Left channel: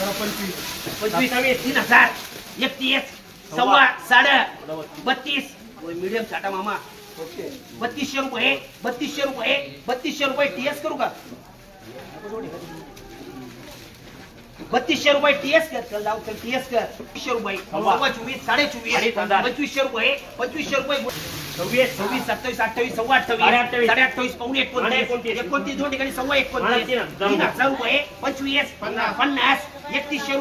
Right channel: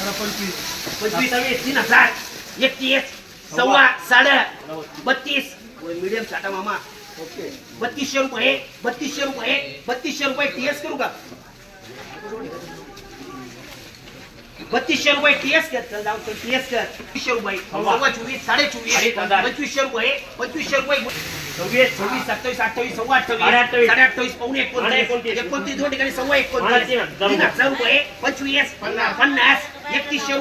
25 3000 31 सव्वा साडे 32 मीडियम छाटा मामा 3200 रुपये 3200 रुपये टीएस करू का 3200 रुपये टीएस कर चल जाऊ चल टीएस कर 3200 रुपये 24 24 2500 रुपये 2500 रुपये 26 26 27 28 सव्वा 28 28 पाऊणे 29 दोन ठिकाणी सव्वा 29 3000 रुपये 25 50 3100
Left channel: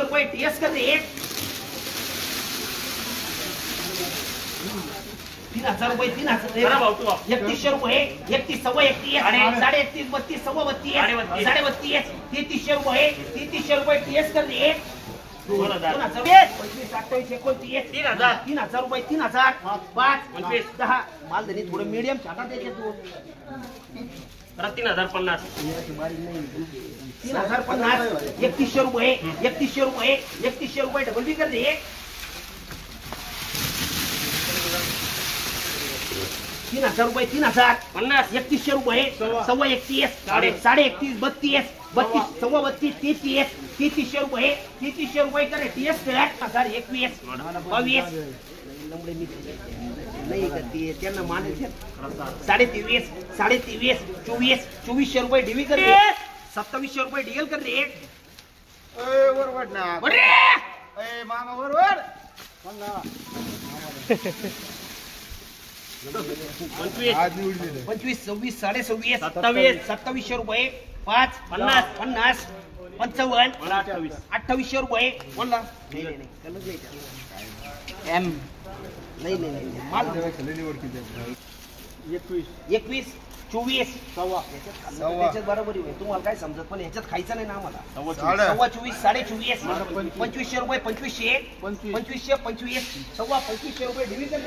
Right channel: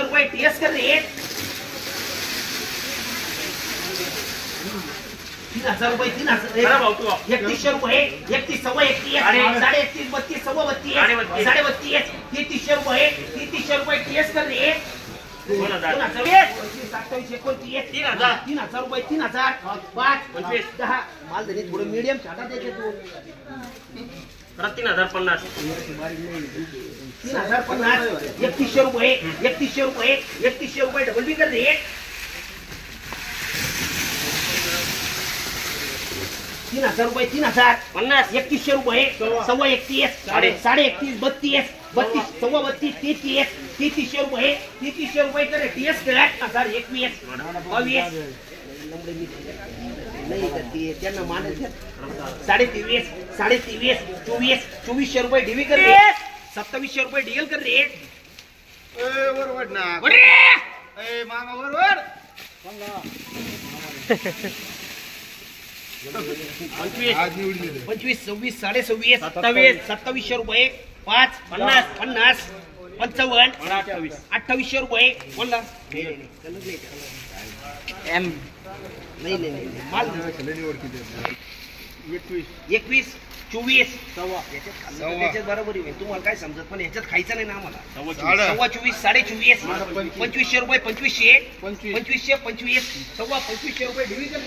रुपये टीएस कर रे 3000 रुपये 3100 रुपये 31 सव्वा 31 साडे 31 32 सव्वा 32 साडे 32 3300 रुपये टीएस कर रे 2000 3000 रुपये 3000 5 25 10 माल धनी थोडं मीडियम छाटा देते तू 3050 3100 रुपये डबल बी कर रे 3000 रुपये 3000 50 3100 रुपये सव्वा 31 साडे 31 32 सव्वा 32 3300 रुपये करे टीएस कर 2021 22 नहीं करती है त्यांना मानायचे 23.5 2400 रुपये डीवी कर रे 2700 रुपये डीएल कर रे बरोबर ना मामा बरोबर 25 26 साडे 27 2700 रुपये 5 50 50 55 2800 रुपये बोला एम नाही माल 21 24 त्याच्यात बरोबर आहे तुम्हाला काय समजत पण ह्याच्यात खायचं नाही ना आम्हाला सव्वा 24 साडे 24 2500 रुपये 2500 सव्वा 2500 रुपये डिव्हिजन